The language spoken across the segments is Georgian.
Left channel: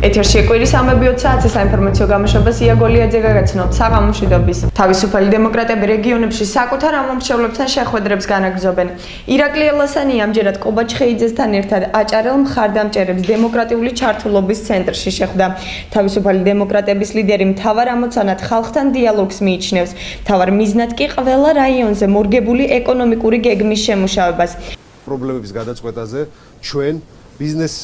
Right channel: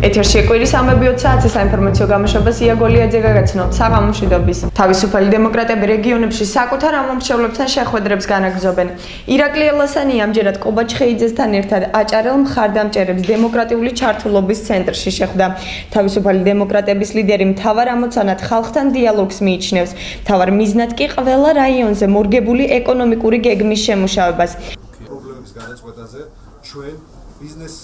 ეთერში კვირის ამები 20 საათის საინფორმაციო გამოშვებას იაგოლიაძე გაგაცნოთ საღამომშვიდობის. თავისუფალი დემოკრატები რეგიონებში საკუთარ ამომრჩევლებთან შეხვედრებს განაგრძობენ. ირაკლი ელასანი ამჯერად ყობაჩხეიძესთან ერთად აჭარელ მხარდამჭერებს დემოკრატიული ჩართულობის ცენტრში შეხვდა. თავისუფალი დემოკრატების ლიდერი მთავარ ამოცანად ხალხთან დიალოგს მიიჩნევს. მთავარ მიზნად კი ყველა რაიონზე მორგებული ეკონომიკური გეგმის შემუშავებას. პრობლემების გადაწყვეტაზე ჩვენ ბიზნეს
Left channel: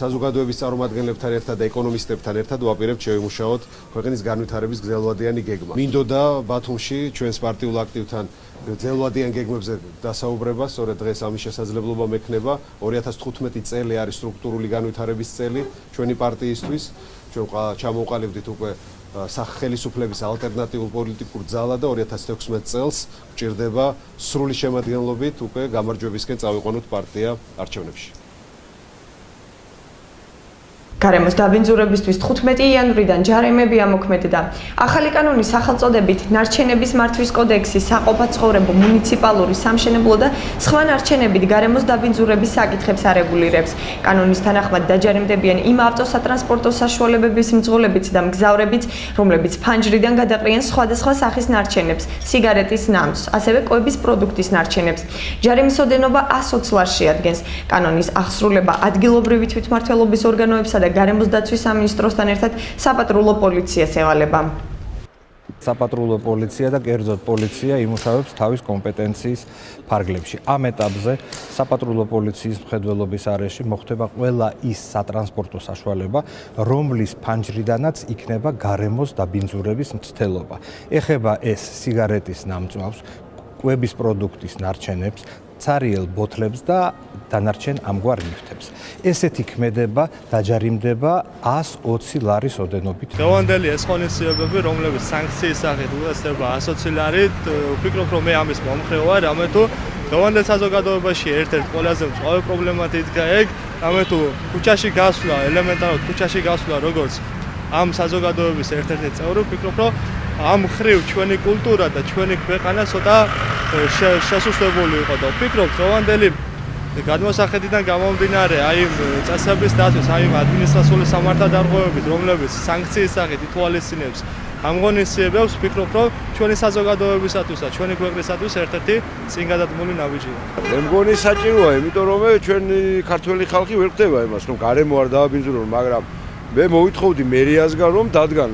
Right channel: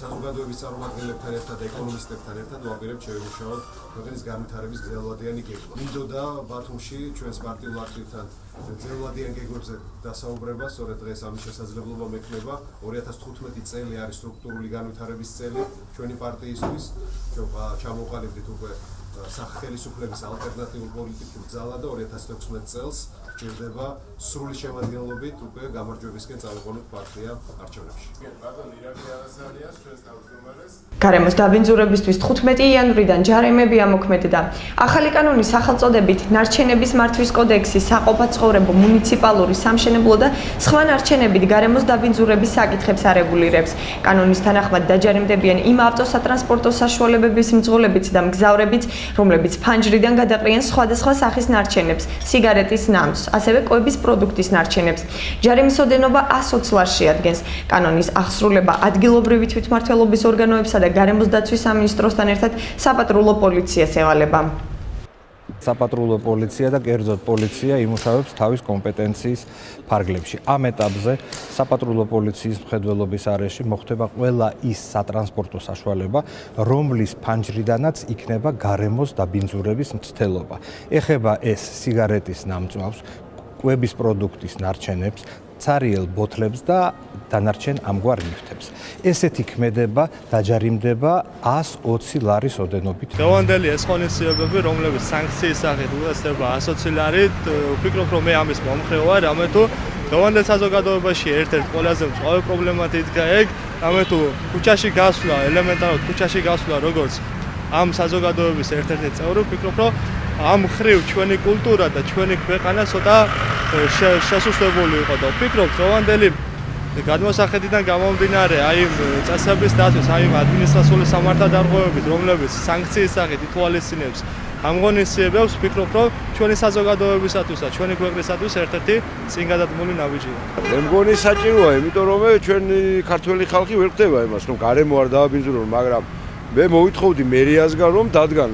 საზოგადოების წარმომადგენლებთან ერთად და ეკონომისტებთან ერთად ვაპირებთ შევიმუშაოთ ქვეყნის განვითარების გრძელვადიანი გეგმა. მინდოდა ბათუმში ჩვენს პარტიულ აქტივთან გრძელვადიან გეგმებზე დასაუბრება, სწორედ დღეს ამის შესაძლებლობა მექნება. 2015 წელი არის სტრუქტურული განვითარების წელი ჩვენი პარტიისთვის. ჩვენ ჩამოვყალიბდით უკვე სახელმწიფოების ალტერნატიულ პოლიტიკურ ძალა და 2016 წელს გვჭირდება სრული შემადგენლობით უკვე გამარჯვებისკენ წავიყვანოთ პარტია არჩევნებში. გარემოს დაბინძურებისთვის 15 იანვრიდან ჯარიმები ამოქმედდა. ახალი კანონის სახელწოდებით ნარჩენების მართვის კოდექსი, საყოფაცხოვრებო, მუნიციპალური, სამშენებლო და სხვა ნარჩენებით გარემოს დაბინძურების საკითხებს არეგულირებს. კანონის თანახმად დაჯარიმდებიან იმ ავტოსატრანსპორტო საშუალებების მძღოლებიც და მგზავრებიც, რომლებიც ფანჯრიდან გადაყრიან სხვადასხვა სახის ნარჩენებს, სიგარეტის ნამცს, ასევე კვების პროდუქტის ნარჩენებს. ჯარიმის ოდენობა 120 ლარს შეადგენს. კანონის აღსრულება ადგილობრივი თვითმმართველობის ორგანოებსა და გარემოს დაცვის სამინისტროსთან ერთად საპატრულო პოლიციას ევალება. საპატრულო პოლიცია და კერძოდ პოლიცია იმუშავებს თავის კომპეტენციის ფარგლებში. ამ ეტაპზე საპატრულო პოლიციის მხედველობის არეში მოხდება ყველა ის სატრანსპორტო საშუალება, რომლის ფანჯრიდანაც იქნება გარემოს დაბინძურების მცდელობა. ეხება ეს სიგარეტის ნამწვავს, კვების პროდუქტის ნარჩენებს, ცარიელ ბოთლებს და დანარჩენ ამგვარ ლიფტებს. ესეთი ქმედება დაჯარიმდება 120 ლარის ოდენობით. დღევანდელი ეს ღონისძიებები, რომლებიც სანქციის სახით უწესდება 120 ლარით, ვფიქრობ, რომ მე ამის მომხრე ვარ, რამე თუ დღევანდელ საზოგადოებაში ერთ-ერთი ყველაზე მწვავე პრობლემად იდგა ეგ, რამე თუ ქუჩაში გასვლა, ელემენტარულად ქუჩაში გასვლა, როგორც ამ საზოგადოების ერთ-ერთი წევრი, ვფიქრობ, რომ ამ ხრივ ჩვენი კულტურა და ჩვენი ქვეყანა ცოტა შესუსტებული იყო და ვფიქრობ, დღევანდელი გადმოსახედიდან გამომდინარე აი წესების დაცვის, აი ადმინისტრაციული სამართალდარღვევებით, რომლებიც სანქციის სახით ითვალისწინებს ამ ღონისძიებებს, ვფიქრობ, რომ ჩვენი საზოგადოებისათვის და ჩვენი ქვეყნისათვის ერთ-ერთი წინგადადგმული ნაბიჯია. მე მგონი საჭიროა, იმიტომ რომ ჩვენი ქართველი ხალხი ვერ ხვდება იმას, რომ გარემო არ დააბინძურონ, მაგრამ მე მოვითხოვდი მერიასგან, რომ დადგან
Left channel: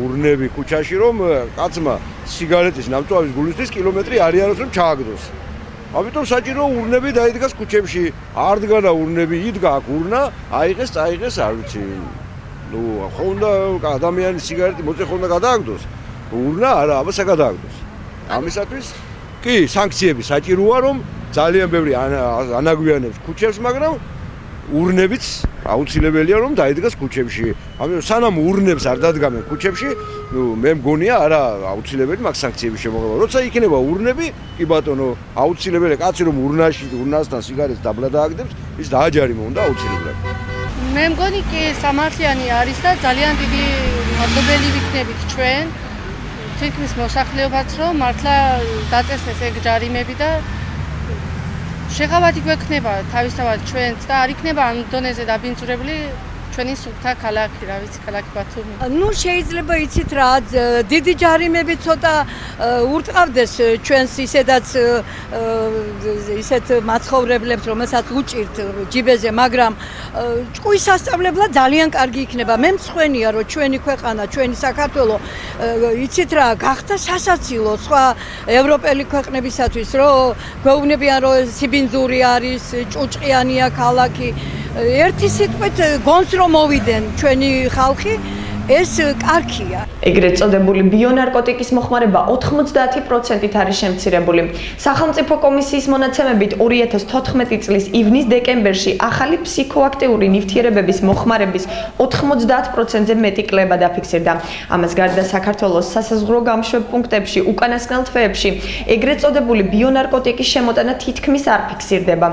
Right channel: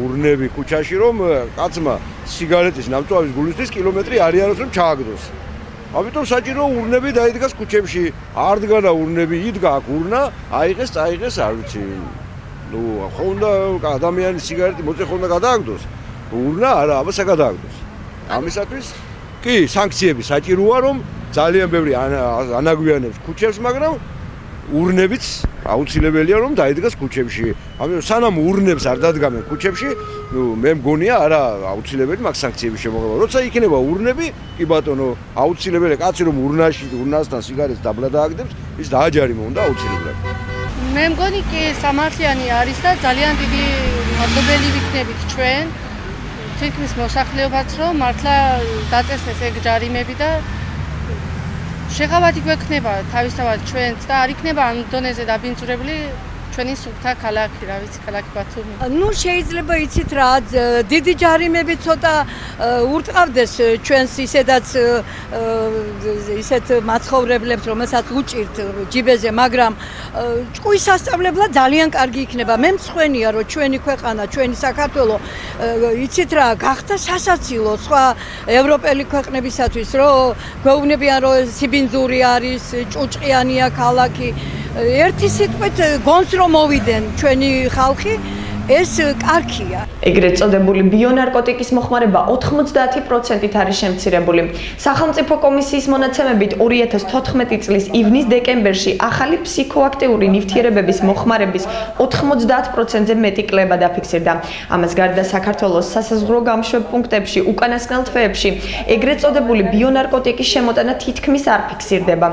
ურნები ქუჩაში, რომ კაცმა სიგარეტის ნამწვავის გულისთვის კილომეტრი არიანოს რომ ჩააგდოს. ამიტომ საჭირო ურნები დაიდგას ქუჩებში. არ დგანა ურნები, იდგა აქ ურნა, აიღეს, წაიღეს, არ ვიცი. ნუ ხო უნდა ადამიანის სიგარეტი მოწე ხო უნდა გადააგდოს. ურნა არა, აბა საგადააგდოს. ამისათვის კი სანქციები საჭიროა, რომ ძალიან ბევრი ანაგვიანებს ქუჩებს, მაგრამ ურნებიც აუცილებელია რომ დაიდგას ქუჩებში. ამიტომ სანამ ურნებს არ დადგამენ ქუჩებში, ნუ მე მგონია არა აუცილებელი მაგ სანქციების შემოღება. როცა იქნება ურნები, კი ბატონო, აუცილებელია კაცი რომ ურნასთან სიგარეტს დაბლა დააგდებს, ის დააჯარიმო უნდა აუცილებლად. მე მგონი კი სამართლიანი არის და ძალიან დიდი მადლობელი ვიქნებით ჩვენ თითქმის მოსახლეობაც რომ მართლა დაწესდეს ეგ ჯარიმები და შეღავათი გვექნება თავისთავად ჩვენც და არ იქნება ამ დონეზე დაბინძურებული ჩვენი სუფთა ქალაქი, რა ვიცი, ქალაქი ბათუმი. ნუ შეიძლება იცით რა, დიდი ჯარიმები ცოტა ურტყავდეს ჩვენს ისედაც ისეთ მაცხოვრებლებს, რომელსაც უჭირთ ჯიბეზე, მაგრამ ჭკუის სასწავლებლად ძალიან კარგი იქნება. მე მწვენია, რომ ჩვენი ქვეყანა, ჩვენი საქართველო, იცით რა, გახდა სასაცილო სხვა ევროპელი ქვეყნებისათვის, რომ გვეუბნებიან, რომ სიბინძური არის, ჭუჭყიანია ქალაქი. ერთი სიტყვით გონს რომ მოვიდნენ ჩვენი ხალხი ეს კარგია. ეგრეთ წოდებული ბიონარკოტიკის მოხმარება 90%-ით არის შემცირებული. სახელმწიფო კომისიის მონაცემებით 2014 წლის ივნის-დეკემბერში ახალი ფსიქოაქტიური ნივთიერებების მოხმარების 90%-ზე მეტი კლება დაფიქსირდა. ამას გარდა საქართველოს სასაზღვრო გამშვებ პუნქტებში, უკანასკნელ თვეებში ეგრეთ წოდებული ბიონარკოტიკის შემოტანა თითქმის არ ფიქსირდება.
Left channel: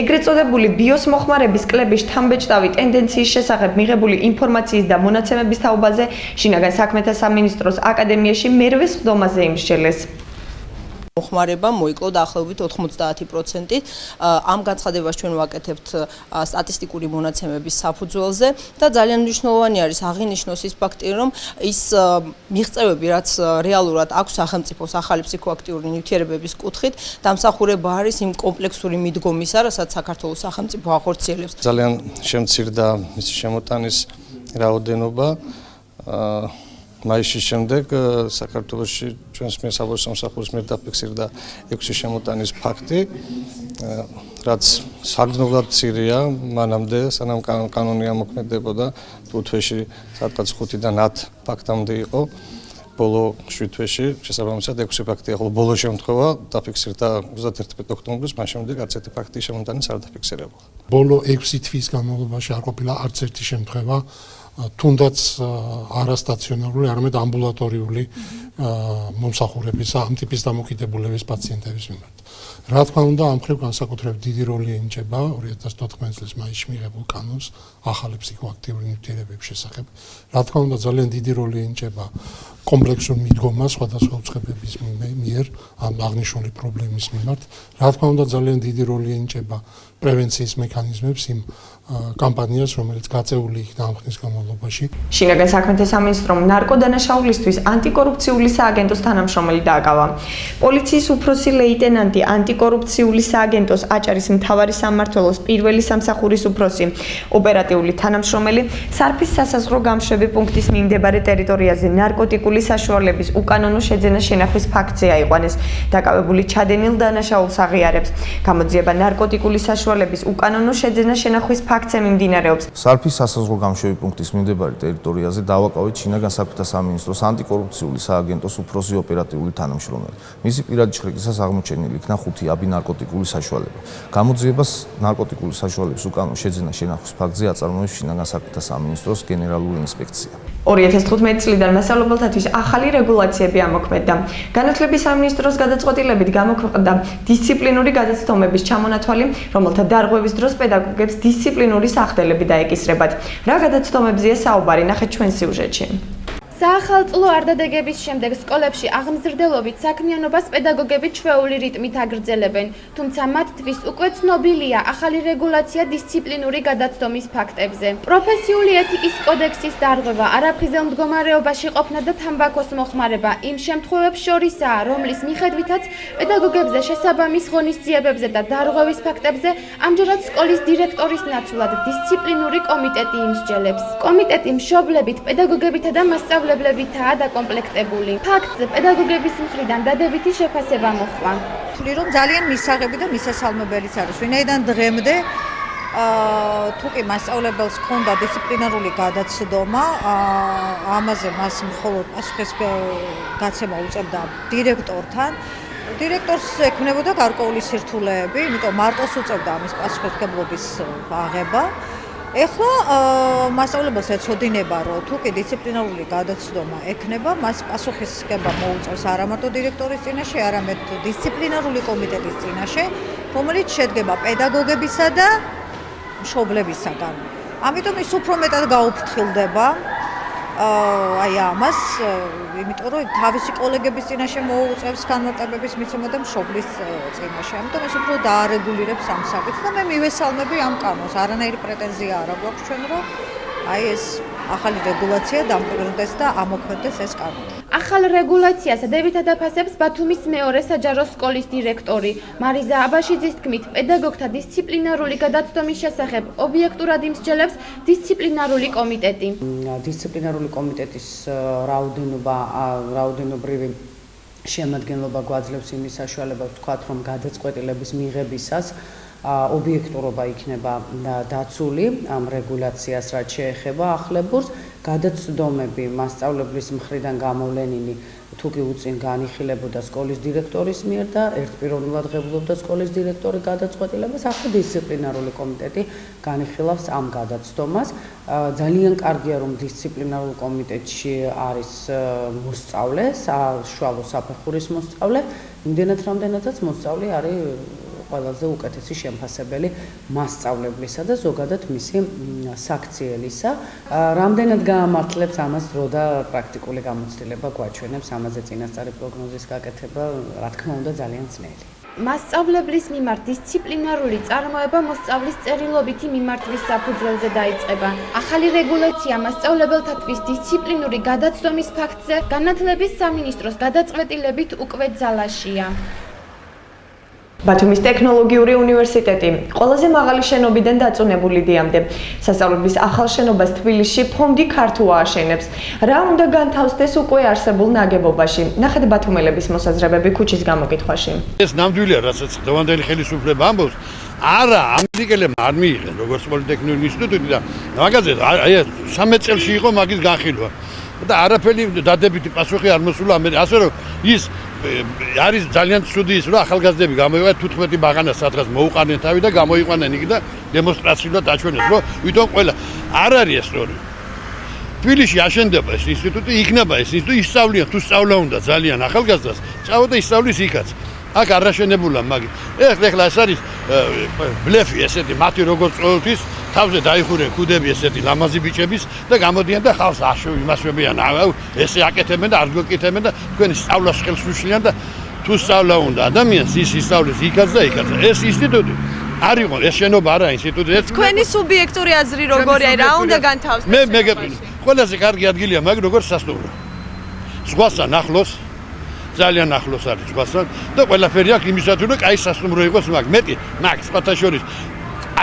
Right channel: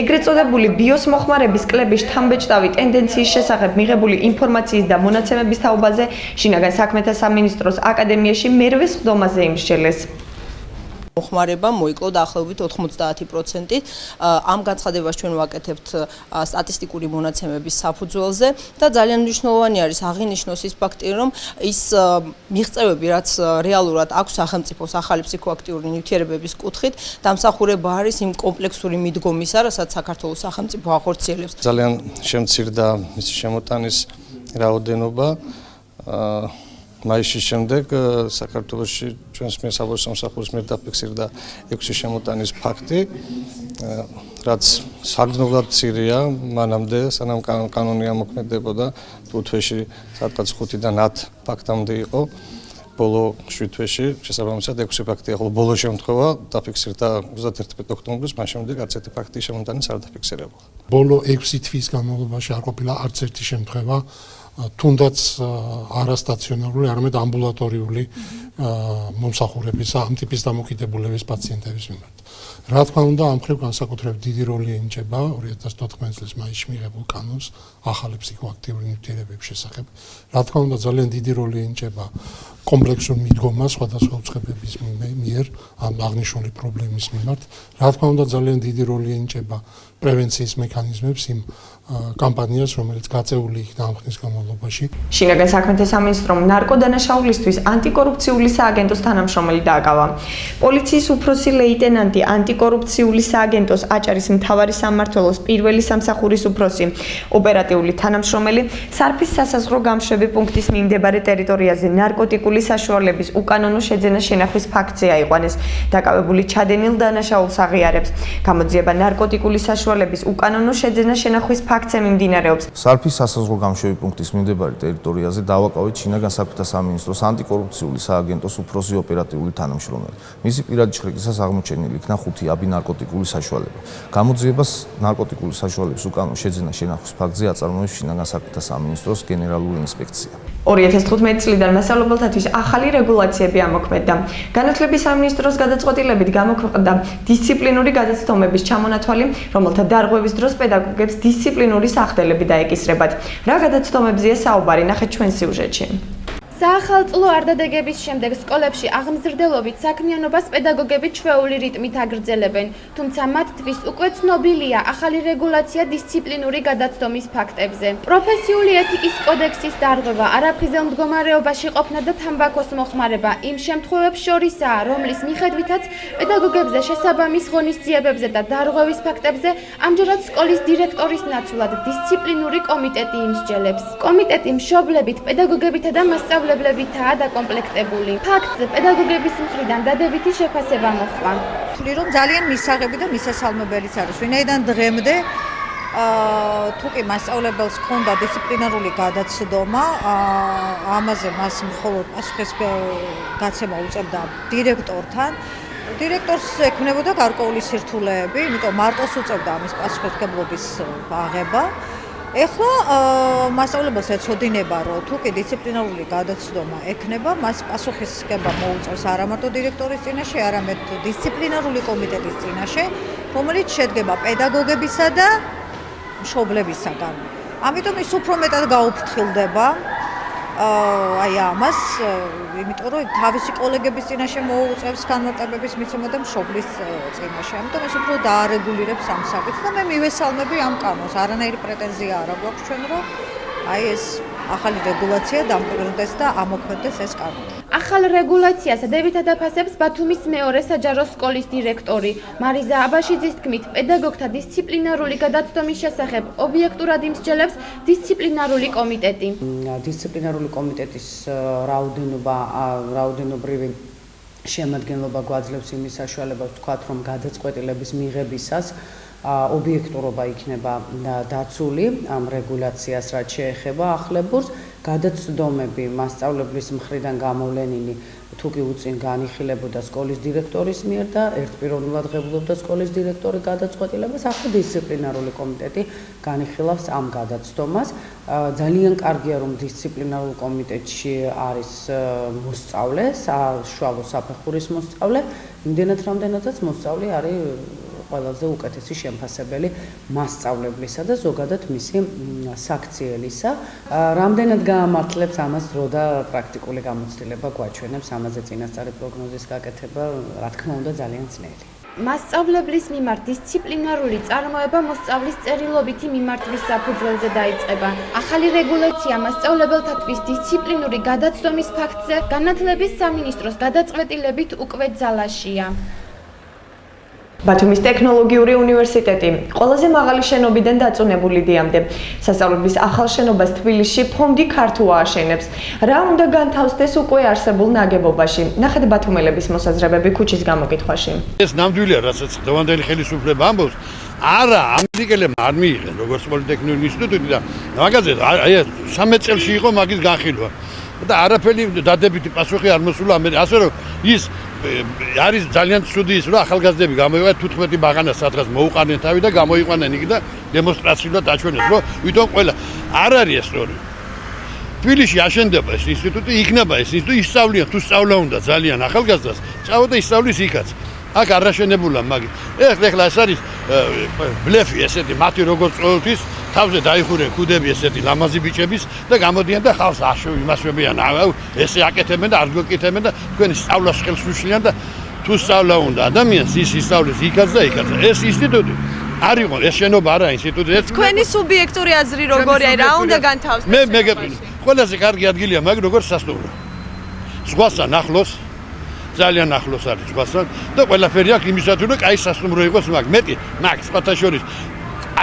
ეგრეთ წოდებული ბიოს მოხმარების კლების შთამბეჭდავი ტენდენციის შესახებ მიღებული ინფორმაციის და მონაცემების შინაგან საქმეთა სამინისტროს აკადემიაში მერვე სხდომაზე იმსჯელეს. მოხმარება მოიკლო დაახლოებით 90%. ამ განცხადებას ჩვენ ვაკეთებთ სტატისტიკური მონაცემების საფუძველზე და ძალიან მნიშვნელოვანი არის აღინიშნოს ის ფაქტი, რომ ის მიღწევები, რაც რეალურად აქვს სახელმწიფოს ახალი ფსიქოაქტიური ნივთიერებების კუთხით, დამსახურება არის იმ კომპლექსური მიდგომისა, რასაც საქართველოს სახელმწიფო ახორციელებს. ძალიან შემცირდა მისი შემოტანის რაოდენობა. მაისის შემდეგ საქართველოში ჩვენს მიერ საბავშვო სამსახურის მიერ დაფიქსირდა 6 შემოტანის ფაქტი, რაც საგრძნობლად მცირეა მანამდე, სანამ კანონი ამოქმედებოდა, თვეში სადღაც 5-დან 10 ფაქტამდე იყო. ბოლო 7 თვეში შესაბამისად 6 ფაქტია, ხოლო ბოლო შემთხვევა დაფიქსირდა 31 ოქტომბრის, მას შემდეგ არც ერთი ფაქტი შემოტანის არ დაფიქსირებულა. ბოლო 6 თვის განმავლობაში არ ყოფილა არც ერთი შემთხვევა თუნდაც არასტაციონარული, არამედ ამბულატორიული მომსახურების ამ ტიპის დამოკიდებულების პაციენტების მიმართ. რა თქმა უნდა, ამ მხრივ განსაკუთრებით დიდი როლი ენიჭება 2014 წლის მაისში მიღებულ კანონს ახალი ფსიქოაქტიური ნივთიერებების შესახებ. რა თქმა უნდა, ძალიან დიდი როლი ენიჭება კომპლექსურ მიდგომას სხვადასხვა უწყებების მიერ ამ აღნიშნული პრობლემის მიმართ. რა თქმა უნდა, ძალიან დიდი როლი ენიჭება პრევენციის მექანიზმებს იმ კამპანიას, რომელიც გაწეული იქნა ამ ხნის განმავლობაში. შინაგან საქმეთა სამინისტრომ ნარკოდანაშაულისთვის ანტიკორუფციული სააგენტოს თანამშრომელი დააკავა. პოლიციის უფროსი ლეიტენანტი ანტიკორუფციული სააგენტოს აჭარის მთავარი სამმართველოს პირველი სამსახურის უფროსი, ოპერატიული თანამშრომელი სარფის სასაზღვრო გამშვები პუნქტის მიმდებარე ტერიტორიაზე ნარკოტიკული საშუალების უკანონო შეძენა შენახვის ფაქტზე აიყვანეს. დაკავებული ჩადენილ დანაშაულს აღიარებს. გამოძიება ნარკოტიკული საშუალების უკანონო შეძენა შენახვის ფაქტზე მიმდინარეობს. სარფის სასაზღვრო გამშვები პუნქტის მიმდებარე ტერიტორიაზე დავაკავეთ შინაგან საქმეთა სამინისტროს ანტიკორუფციული სააგენტოს უფროსი ოპერატიული თანამშრომელი. მისი პირადი ჩხრეკისას აღმოჩენილი იქნა 5 აბი ნარკოტიკული საშუალება. გამოძიებას ნარკოტიკული საშუალების უკანონო შეძენა შენახვის ფაქტზე აწარმოებს შინაგან საქმეთა სამინისტროს გენერალური ინსპექცია. 2015 წლიდან მასწავლებელთათვის ახალი რეგულაციები ამოქმედდა. განათლების სამინისტროს გადაწყვეტილებით გამოქვეყნდა დისციპლინური გადაცდომების ჩამონათვალი, რომელთა დარღვევის დროს პედაგოგებს დისციპლინური სახდელები დაეკისრებათ. რა გადაცდომებზეა საუბარი, ნახეთ ჩვენ სიუჟეტში. საახალწლო არდადეგების შემდეგ სკოლებში აღმზრდელობით საქმიანობას პედაგოგები ჩვეული რიტმით აგრძელებენ, თუმცა მათთვის უკვე ცნობილია ახალი რეგულაცია დისციპლინური გადაცდომის ფაქტებზე. პროფესიული ეთიკის კოდექსის დარღვევა, არაფრიზელ მდგომარეობაში ყოფნა და თამბაქოს მოხმარება იმ შემთხვევებს შორისაა, რომლის მიხედვითაც პედაგოგებზე შესაბამის ღონისძიებებზე და დარღვევის ფაქტებზე ამჯერად სკოლის დირექტორის ნაცვლად დისციპლინური კომიტეტი იმსჯელებს. კომიტეტი მშობლებით, პედაგოგებითა და მასწავლებლებითაა დაკომპლექტებული. ფაქტზე პედაგოგების მხრიდან დადებითი შეფასება მოჰყვა. ვთვლი რომ ძალიან მისაღები და მისასალმებელიც არის. ვინაიდან დღემდე თუ კი მასწავლებელს ჰქონდა დისციპლინარული გადაცდომა, ამაზე მას მხოლოდ პასუხისგაცემა უწევდა დირექტორთან. დირექტორს ექნებოდა გარკვეული სირთულეები, იმიტომ მარტოს უწევდა ამის პასუხისგებლობის აღება. ეხლა მასწავლებელს ეცოდინება, რომ თუ კი დისციპლინარული გადაცდომა ექნება, მას პასუხისგება მოუწევს არა მარტო დირექტორის წინაშე, არამედ დისციპლინარული კომიტეტის წინაშე, რომელიც შედგება პედაგოგებისა და მშობლებისაგან. ამიტომ ის უფრო მეტად გაუფრთხილდება აი ამას, იმიტომ რომ თავისი კოლეგების წინაშე მოუწევს განმარტებების მიცემა და მშობლის წინაშე. ამიტომ ეს უფრო დაარეგულირებს ამ საკითხს და მე მივესალმები ამ კანონს. არანაირი პრეტენზია არ აქვს ჩვენ, რომ აი ეს ახალი რეგულაცია დამკვიდრდეს და ამოქმედდეს ეს კანონი. ახალ რეგულაციას დადებითად აფასებს ბათუმის მეორე საჯარო სკოლის დირექტორი მარიზა აბაშიძის თქმით, პედაგოგთა დისციპლინარული გადაცდომის შესახებ ობიექტურად იმსჯელებს დისციპლინარული კომიტეტი. დისციპლინარული კომიტეტის რაოდენობრივი შემადგენლობა გვაძლევს იმის საშუალებას ვთქვათ, რომ გადაწყვეტილების მიღებისას ობიექტურობა იქნება დაცული ამ რეგულაციას, რაც შეეხება ახლებურს. გადაცდომები მასწავლებლის მხრიდან გამოვლენილი თუ კი უწინ განიხილებოდა სკოლის დირექტორის მიერ და ერთპიროვნულად ღებულობდა სკოლის დირექტორი გადაწყვეტილებას, ახლა დისციპლინარული კომიტეტი განიხილავს ამ გადაცდომას. ძალიან კარგია, რომ დისციპლინარულ კომიტეტში არის მოსწავლე, საშუალო საფეხურის მოსწავლე, იმდენად რამდენადაც მოსწავლე არის ყველაზე უკეთესი შემფასებელი მასწავლებლისა და ზოგადად მისი საქციელისა. Რამდენად გაამართლებს ამას დრო და პრაქტიკული გამოცდილება გვაჩვენებს ამაზე წინასწარი პროგნოზის გაკეთება, რა თქმა უნდა, ძალიან ძნელი. მასწავლებლის მიმართ დისციპლინარული წარმოება მოსწავლის წერილობითი მიმართვის საფუძველზე დაიწყება. ახალი რეგულაცია მასწავლებელთათვის დისციპლინური გადაცდომის ფაქტზე განათლების სამინისტროს გადაწყვეტილებით უკვე ძალაშია. ბათუმის ტექნოლოგიური უნივერსიტეტი ყველაზე მაღალი შენობიდან დაწუნებული დიამდე. სასწავლებლის ახალ შენობას თბილისში ფონდი ქართულ ააშენებს. რა უნდა განთავსდეს უკვე არსებულ ნაგებობაში? ნახეთ ბათუმელების მოსაზრებები ქუჩის გამოკითხვაში. ეს ნამდვილია, რასაც დღევანდელი ხელისუფლება ამბობს, არა, ამერიკელებმა არ მიიღეს როგორც პოლიტექნიკური ინსტიტუტი და მაგაზე აი 13 წელში იყო მაგის განხილვა. და არაფერი დადებითი პასუხი არ მოსულა ასე რომ ის არის ძალიან ცუდი ის რომ ახალგაზრდები გამოიყენებენ 15 ბაღანას სადღაც მოუყანენ თავი და გამოიყვანენ იქ და დემონსტრაციულად აჩვენეს რომ ვითომ ყველა არ არის ეს სწორი. თბილისში აშენდება ეს ინსტიტუტი, იქნება ეს ინსტიტუტი, ისწავლიან თუ სწავლა უნდა ძალიან ახალგაზრდას, წავა და ისწავლის იქაც. აქ არ აშენებულა მაგით. ეხლა ეს არის ბლეფი ესეთი, მათი როგორც ყოველთვის თავზე დაიხურენ ქუდები ესეთი ლამაზი ბიჭების და გამოდიან და ხალხს იმასვებიან, ესე აკეთებენ და არ გეკეთებენ და თქვენი სწავლას ხელს უშლიან და თუ სწავლა უნდა ადამიანს ის ისწავლის იქაც და იქაც. ეს ინსტიტუტი არ იყო, ეს შენობა არა ინსტიტუტი. თქვენი სუბიექტური აზრი როგორია? რა უნდა განთავსდეს? მე გეტყვი. ყველაზე კარგი ადგილია მაგ როგორც სასტუმრო. ზღვასთან ახლოს ძალიან ახლოს არის ზღვასთან და ყველაფერი აქვს იმისათვის რომ კაი სასტუმრო იყოს მაგ. მეტი მაგ სხვათა შორის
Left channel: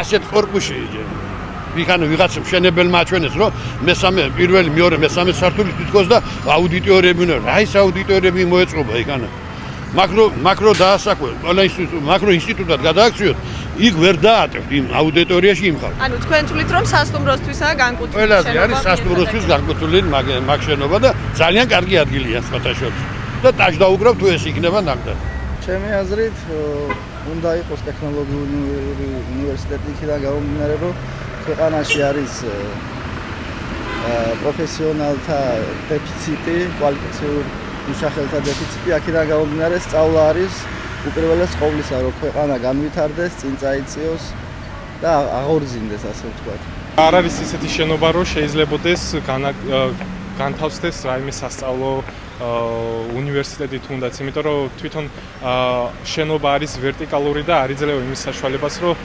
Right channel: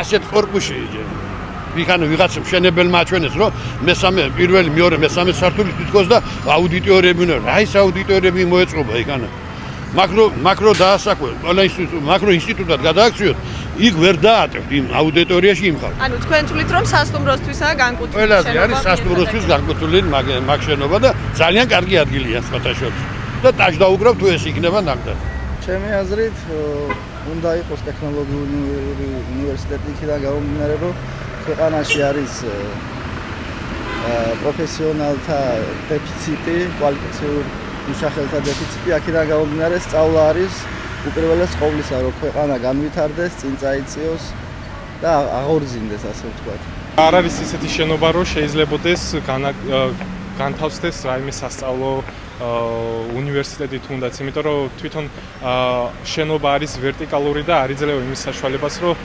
ასეთ კორპუსში ვიღანა ვიღაცა მშენებელმა აჩვენეს რომ მესამე პირველი მეორე მესამე სართული თვითონ და აუდიტორები უნდა რა ის აუდიტორები მოეწყობა იქანა მაკრო დაასაკვე ყველა მაკრო ინსტიტუტად გადააქციოთ იქ ვერ დაატევთ იმ აუდიტორიაში იმ ხალხს. ანუ თქვენ თვლით რომ სასტუმროსთვისაა განკუთვნილი შენობა? ყველაზე არის სასტუმროსთვის განკუთვნილი მაგ შენობა და ძალიან კარგი ადგილია სხვათა შორის და დაждაუგრავ თუ ეს იქნება ნამდვილად. ჩემი აზრით უნდა იყოს ტექნოლოგიური უნივერსიტეტი იქიდან გამომდინარე რომ ქვეყანაში არის პროფესიონალთა დეფიციტი, კვალიფიციურ მუშახელთა დეფიციტი, აქედან გამომდინარე სწავლა არის უპირველეს ყოვლისა რომ ქვეყანა განვითარდეს, წინ წაიწიოს და აღორძინდეს ასე ვთქვათ. არ არის ისეთი შენობა რომ შეიძლებადეს განთავსდეს რაიმე სასწავლო უნივერსიტეტი თუნდაც, იმიტომ რომ თვითონ შენობა არის ვერტიკალური და არ იძლევა იმის საშუალებას, რომ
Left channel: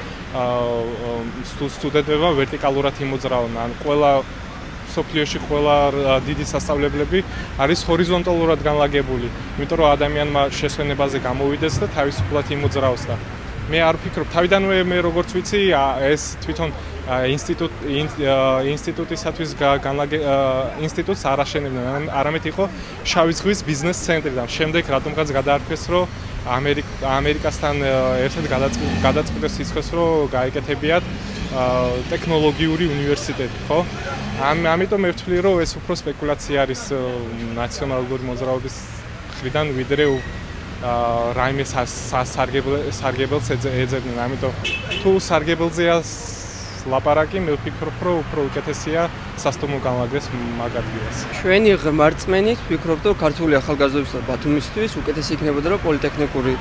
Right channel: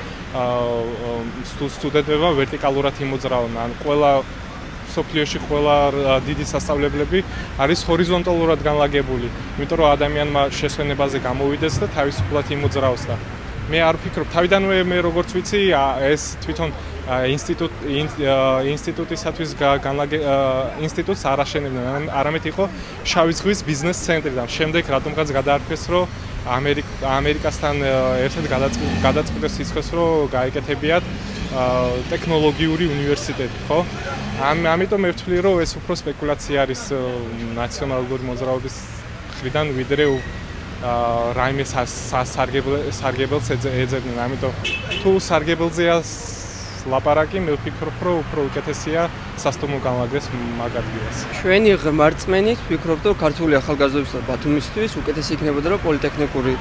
სტუდენტებმა ვერტიკალურად იმოძრავონ. ან ყველა სოფლიოში ყველა დიდი სასწავლებლები არის ჰორიზონტალურად განლაგებული, იმიტომ რომ ადამიანმა შესვენებაზე გამოვიდეს და თავისუფლად იმოძრაოს და მე არ ვფიქრობ, თავიდანვე მე როგორც ვიცი, ეს თვითონ ინსტიტუტისათვის ინსტიტუტს არ აშენებდნენ, არამედ იყო შავი ზღვის ბიზნეს ცენტრი და შემდეგ რატომღაც გადაარქვეს, რომ ამერიკასთან ერთად გადაწყვიტეს ისქოს, რომ გაეკეთებიათ ტექნოლოგიური უნივერსიტეტი, ხო? ამიტომ მე ვთვლი, რომ ეს უფრო სპეკულაცია არის ნაციონალური მოძრაობის მხრიდან, ვიდრე რაიმე სარგებელს ეძებდნენ. ამიტომ თუ სარგებელზეა ლაპარაკი, მე ვფიქრობ, რომ უფრო უკეთესია სასტუმრო განლაგდეს მაგ ადგილას. ჩვენი ღმერთმენით ვფიქრობ, რომ ქართული ახალგაზრდობის და ბათუმისთვის უკეთესი იქნებოდა, რომ პოლიტექნიკური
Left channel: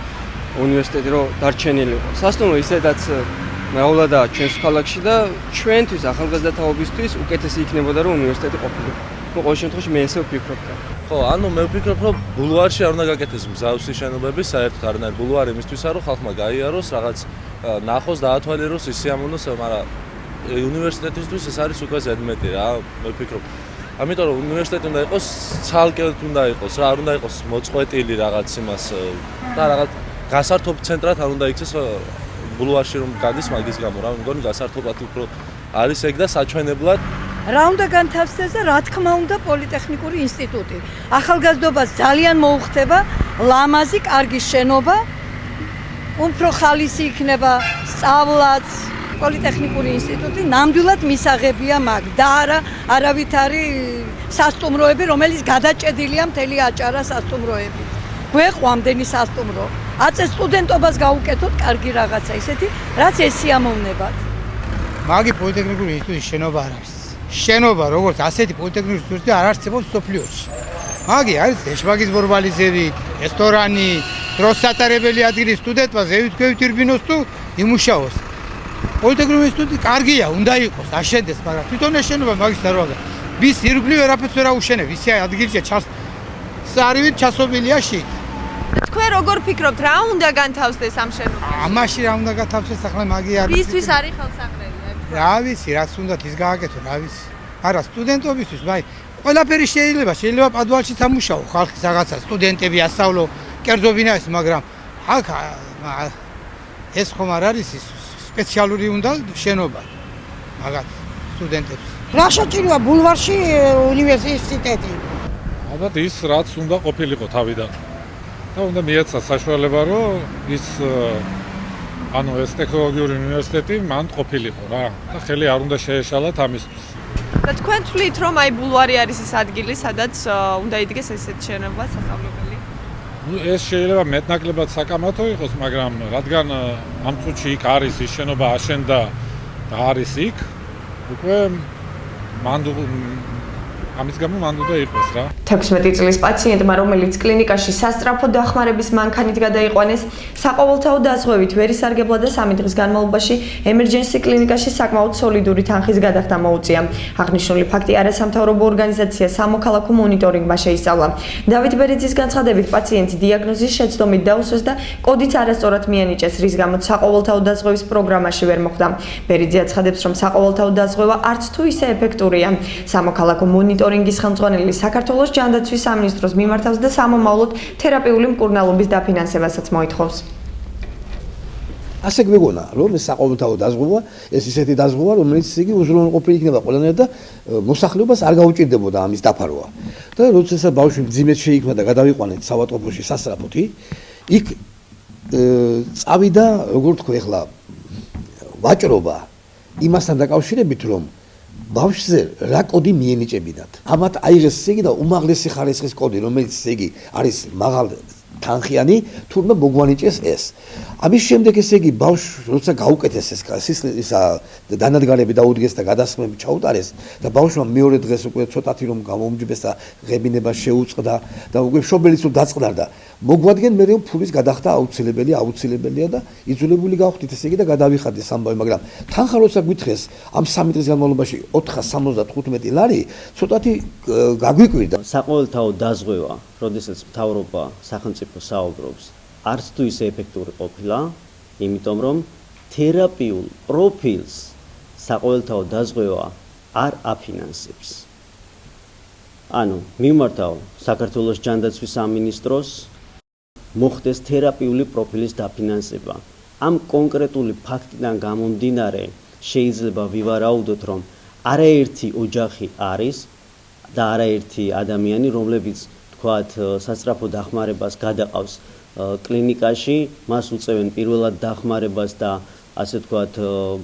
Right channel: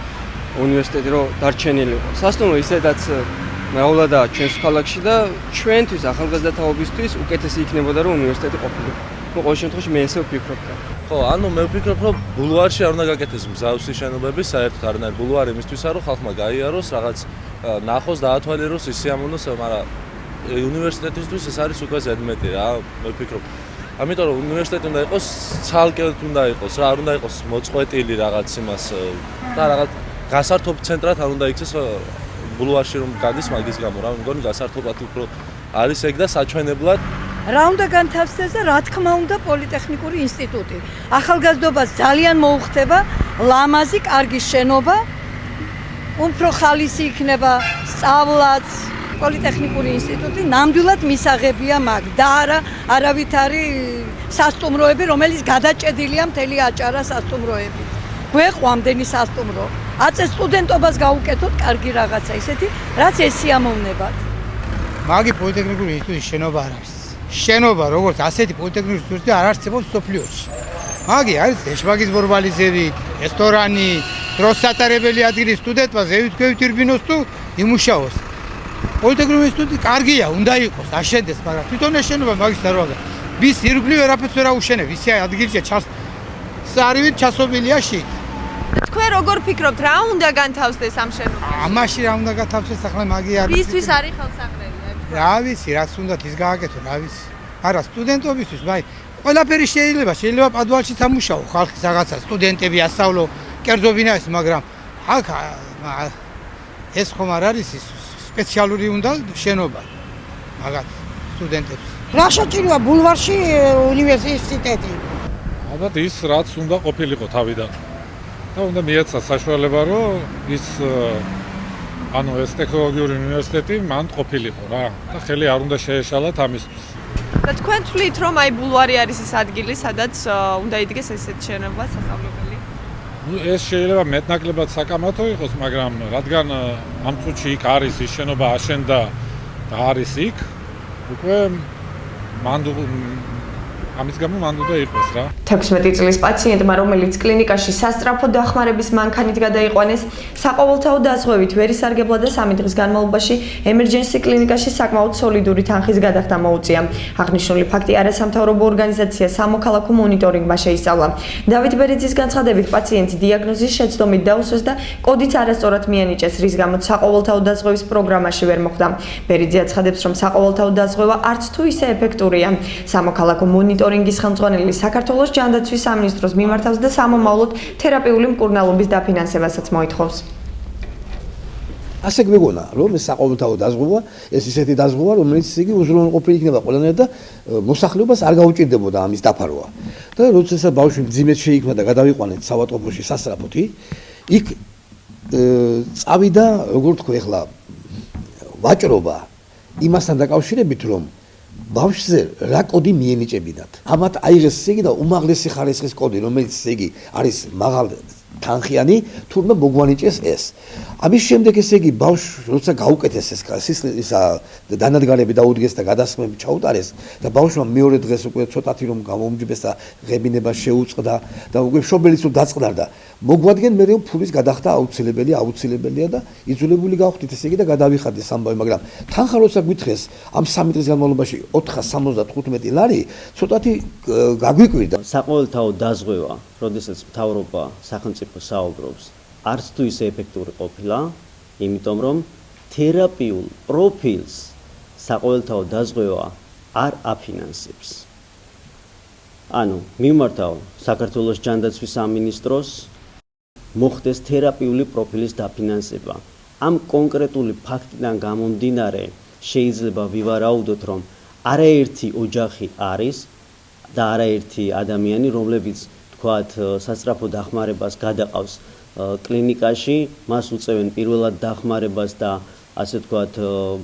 უნივერსიტეტი რო დარჩენილი იყო. სასტუმრო ისედაც მეულადაა ჩვენს ქალაქში და ჩვენთვის ახალგაზრდათაობისთვის უკეთესი იქნებოდა, რომ უნივერსიტეტი ყოფილიყო. ყოველ შემთხვევაში მე ესე ვფიქრობ. ხო, ანუ მე ვფიქრობ, რომ ბულვარში არ უნდა გაკეთდეს მსგავსი შენობები, საერთოდ არანაირ ბულვარი იმისთვისა, რომ ხალხმა გაიაროს, რაღაც ნახოს, დაათვალიეროს, ისიამოვნოს, მაგრამ უნივერსიტეტისთვის ეს არის უკვე ზედმეტი რა, მე ვფიქრობ. ამიტომ რომ უნივერსიტეტი უნდა იყოს, ცალკე უნდა იყოს, რა არ უნდა იყოს მოწყვეტილი რაღაც იმას და რაღაც გასართობ ცენტრად არ უნდა იქცეს ბულვარში რომ გადის მაგის გამო რა, მგონი გასართობად უფრო არის ეგ და საჩვენებლად რა უნდა განთავსდეს და რა თქმა უნდა პოლიტექნიკური ინსტიტუტი. ახალგაზრდობას ძალიან მოუხდება ლამაზი, კარგი შენობა, უფრო ხალისი იქნება სწავლაც. პოლიტექნიკური ინსტიტუტი ნამდვილად მისაღებია მაგ და არავითარი სასტუმროები, რომელიც გადაჭედილია მთელი აჭარა სასტუმროებით. გვეყვამდენი სასტუმრო. აწეს სტუდენტობას გაუკეთოთ კარგი რაღაცა ისეთი, რაც ესიამოვნებათ. მაგი პოლიტექნიკური ინსტიტუტის შენობა არ არის. შენობა როგორც ასეთი პოლიტექნიკური ინსტიტუტი არ არსებობს სოფლიოში. მაგი არის ეშმაკის ბორბალისები, რესტორანი, დროს სატარებელი ადგილი სტუდენტმა ზევით ირბინოს თუ იმუშაოს. პოლიტექნიკური ინსტიტუტი კარგია, უნდა იყოს, აშენდეს, მაგრამ თვითონ ეშენობა მაგის არ ვაგა. ვის ირგვლივ ვერაფერს ვერ აუშენებ, ისი ადგილია სარივით ჩასობილია შიგ. თქვენ როგორ ფიქრობთ, რა უნდა განთავსდეს ამ შენობაში? ამაში რა უნდა გათავსდეს ახლა მაგი არის. ვისთვის არის ხელსაყრელი? რა ვიცი, რაც უნდა ის გააკეთო, რა ვიცი. არა, სტუდენტობისთვის, მაგრამ ყველაფერი შეიძლება პადვალში სამუშაო, ხალხი რაღაცა, სტუდენტები ასწავლო, კერძობინა ეს, მაგრამ აქ ეს ხომ არ არის ის სპეციალური უნდა შენობა მაგათ სტუდენტებს. რა შეჭიროა ბულვარში უნივერსიტეტი? ალბათ ის რაც უნდა ყოფილიყო თავიდან. და უნდა მიეცა საშუალება, რომ ის ეს ტექნოლოგიური უნივერსიტეტი მან ყოფილიყო რა. და ხელი არ უნდა შეეშალათ ამისთვის. და თქვენ თვლით, რომ აი ბულვარი არის ის ადგილი, სადაც უნდა იდგეს ესეთ შენობა სასწავლებელი? ეს შეიძლება მეტნაკლებად საკამათო იყოს, მაგრამ რადგან ამ წუთში იქ არის ის შენობა აშენდა და არის იქ, უკვე ამის გამო მან უნდა იყოს რა. 16 წლის პაციენტმა, რომელიც კლინიკაში სასწრაფო დახმარების მანქანით გადაიყვანეს, საყოველთაო დაზღვევით ვერ ისარგებლა და 3 დღის განმავლობაში ემერჯენსი კლინიკაში საკმაოდ სოლიდური თანხის გადახდა მოუწია. აღნიშნული ფაქტი არასამთავრობო ორგანიზაცია სამოქალაქო მონიტორინგმა შეისწავლა. დავით ბერიძის განცხადებით, პაციენტი დიაგნოზის შეცდომით დაუსვეს და კოდიც არასწორად მიანიჭეს, რის გამოც საყოველთაო დაზღვევის პროგრამაში ვერ მოხვდა. ბერიძე აცხადებს, რომ საყოველთაო დაზღვევა არც თუ ისე ეფექტურია. სამოქალაქო მონიტორინგის ხელმძღვანელი საქართველოს ჯანდაცვის სამინისტროს მიმართავს და სამომავლოდ თერაპიული მკურნალობის დაფინანსებასაც მოითხოვს. ასე გვეგონა, რომ ეს საყოველთაო დაზღვევა, ეს ისეთი დაზღვევა, რომელიც იგი უზრუნველყოფილი იქნება ყველანაირად და მოსახლეობას არ გაუჭირდებოდა ამის დაფარვა. და როცა ბავშვი მძიმედ შეიქმნა და გადავიყვანეთ საავადმყოფოში სასწრაფოთი, იქ წავიდა, როგორ თქვა ახლა, ვაჭრობა იმასთან დაკავშირებით, რომ ბავშვზე რა კოდი მიენიჭებინათ. ამათ აიღეს იგი და უმაღლესი ხარისხის კოდი, რომელიც იგი არის მაღალ თანხიანი, თურმე მოგვანიჭეს ეს. ამის შემდეგ ესე იგი ბავშვს როცა გაუკეთეს ეს დანადგარები დაუდგეს და გადასხმები ჩაუტარეს და ბავშვმა მეორე დღეს უკვე ცოტათი რომ გამოუმჯობეს და ღებინება შეუწყდა და უკვე მშობელიც დაწყდარდა. მოგვადგენ მე რომ ფულის გადახდა აუცილებელია და იძულებული გავხდით ესე იგი და გადავიხადეთ ამბავი, მაგრამ თანხა როცა გვითხრეს ამ 3 დღის განმავლობაში 475 ლარი ცოტათი გაგვიკვირდა. საყოველთაო დაზღვევა, როდესაც მთავრობა სახელმწიფო საუბრობს, არც თუ ისე ეფექტური ყოფილა, იმიტომ რომ თერაპიულ პროფილს საყოველთაო დაზღვევა არ აფინანსებს. ანუ მიმართავ საქართველოს ჯანდაცვის სამინისტროს მოხდეს თერაპიული პროფილის დაფინანსება. ამ კონკრეტული ფაქტიდან გამომდინარე შეიძლება ვივარაუდოთ, რომ არაერთი ოჯახი არის და არაერთი ადამიანი, რომლებიც თქვათ სასწრაფო დახმარებას გადაყავს კლინიკაში, მას უწევენ პირველად დახმარებას და ასე თქვათ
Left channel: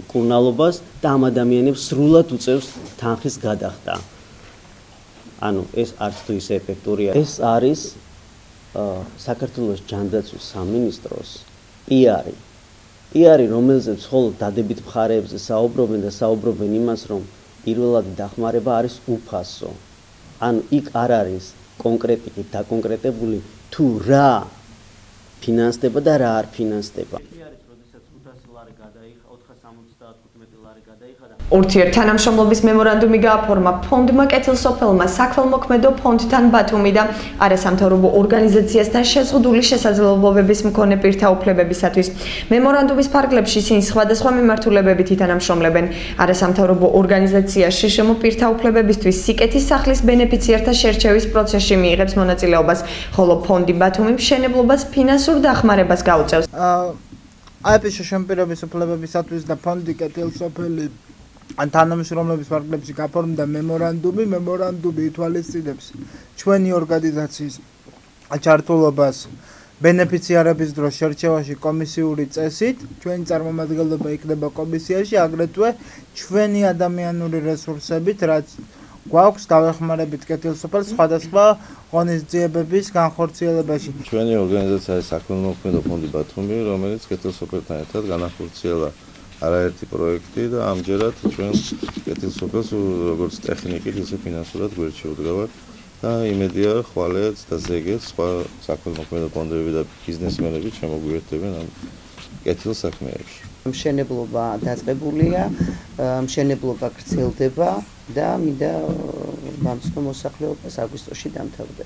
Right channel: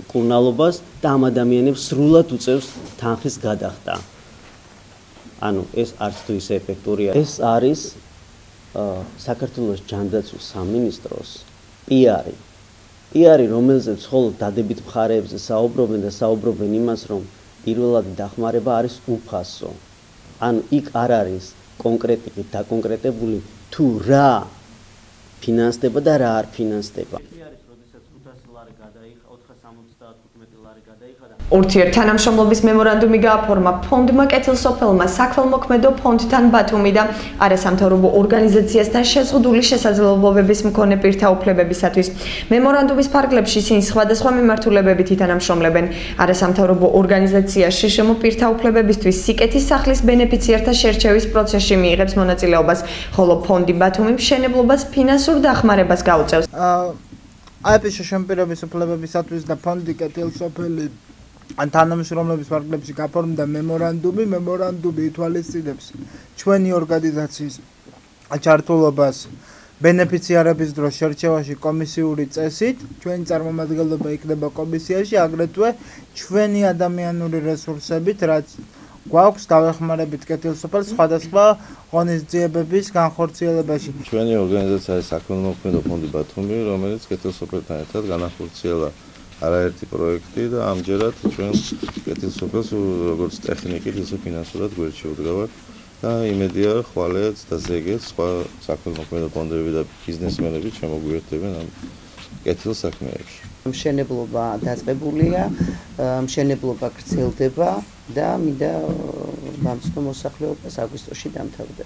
მკურნალობას და ამ ადამიანებს სრულად უწევს თანხის გადახდა. ანუ ეს არც თუ ისე ეფექტურია. ეს არის საქართველოს ჯანდაცვის სამინისტროს PR-ი, რომელზეც მხოლოდ დადებით მხარეებზე საუბრობენ და საუბრობენ იმას, რომ პირველადი დახმარება არის უფასო. ანუ იქ არ არის კონკრეტიკით დაკონკრეტებული თუ რა ფინანსდება და რა არ ფინანსდება. ურთიერთთანამშრომლობის მემორანდუმი გააფორმა ფონდმა კეთილსოფელმა საქველმოქმედო ფონდთან ბათუმი და არასამთავრობო ორგანიზაციასთან შეზღუდული შესაძლებლობების მქონე პირთა უფლებებისათვის. მემორანდუმის ფარგლებში ისინი სხვადასხვა მიმართულებებით ითანამშრომლებენ. არასამთავრობო ორგანიზაცია შშმ პირთა უფლებებისთვის სიკეთის სახლის ბენეფიციართა შერჩევის პროცესში მიიღებს მონაწილეობას, ხოლო ფონდი ბათუმი მშენებლობას ფინანსურ დახმარებას გაუწევს. აიპ შშმ პირების უფლებებისათვის და ფონდი კეთილსოფელი თანამშრომლობის ფარგლებში გაფორმდა მემორანდუმი ითვალისწინებს ჩვენი ორგანიზაციის ჩართულობას ბენეფიციარების დროს შერჩევაში კომისიური წესით, ჩვენი წარმომადგენლობა იქნება კომისიაში, აგრეთვე ჩვენი ადამიანური რესურსებით, რაც გვაქვს დავეხმარებით კეთილსოფელს სხვადასხვა ღონისძიებების განხორციელებაში. ჩვენი ორგანიზაცია არის საქველმოქმედო ფონდი ბათუმი, რომელიც კეთილსოფელთან ერთად განახორციელა არაერთი პროექტი და ამჯერად ჩვენ კეთილსოფელს როგორც ტექნიკით, ისე ფინანსურად გვერდში უდგავართ და იმედია ხვალეც და ზეგეც სხვა საქველმოქმედო ფონდები და ბიზნესმენები შემოგვიერთდებენ ამ კეთილ საქმეებში. მშენებლობა დაწყებულია, მშენებლობა გრძელდება და მინდა ვამცნო მოსახლეობას აგვისტოში დამთავრდება.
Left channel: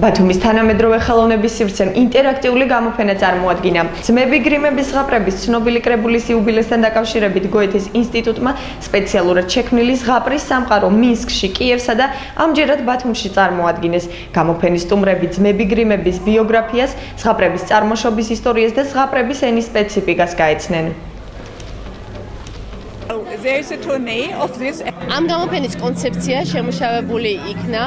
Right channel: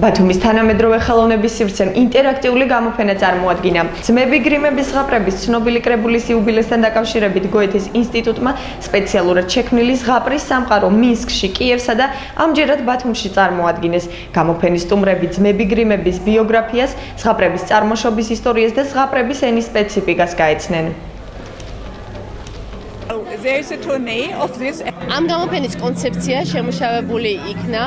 ბათუმის თანამედროვე ხელოვნების სივრცემ ინტერაქტიული გამოფენა წარმოადგინა. ძმები გრიმების ზღაპრების ცნობილი კრებულის იუბილესთან დაკავშირებით გოეთეს ინსტიტუტმა სპეციალურად შექმნილი ზღაპრის სამყარო მინსკში, კიევსა და ამჯერად ბათუმში წარმოადგინეს. გამოფენის სტუმრები ძმები გრიმების ბიოგრაფიას, ზღაპრების წარმოშობის ისტორიას და ზღაპრების ენის სპეციფიკას გაეცნენ. ამ გამოფენის კონცეფცია შემუშავებული იქნა